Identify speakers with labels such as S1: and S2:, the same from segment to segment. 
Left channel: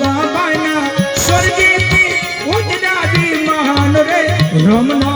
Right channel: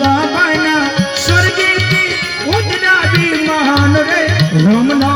S1: બાબાના સ્વર્ગે ઉજડા બી મહાન રે. રમના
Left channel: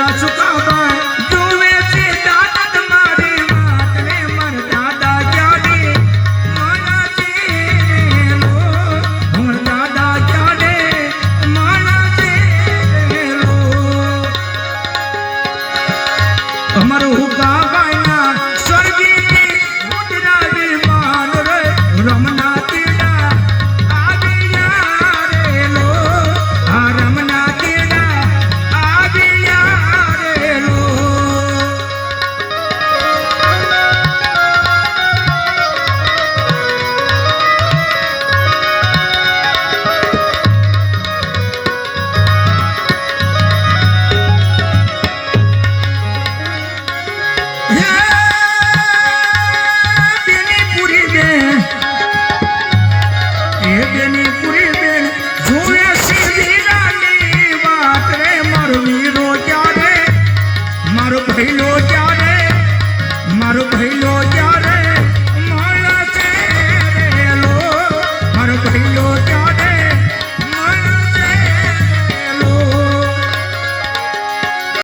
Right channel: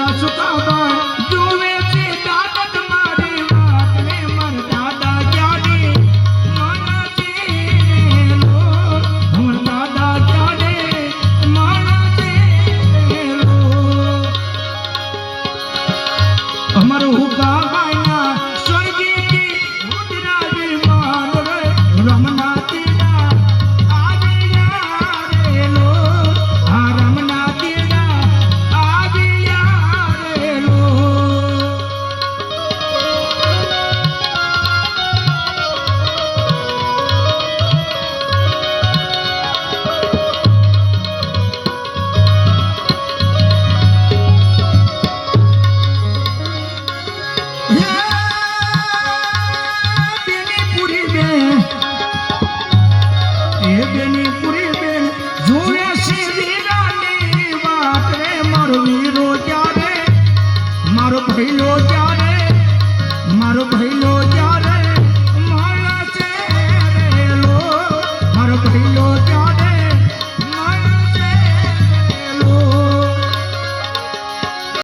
S1: Yacu Kaldai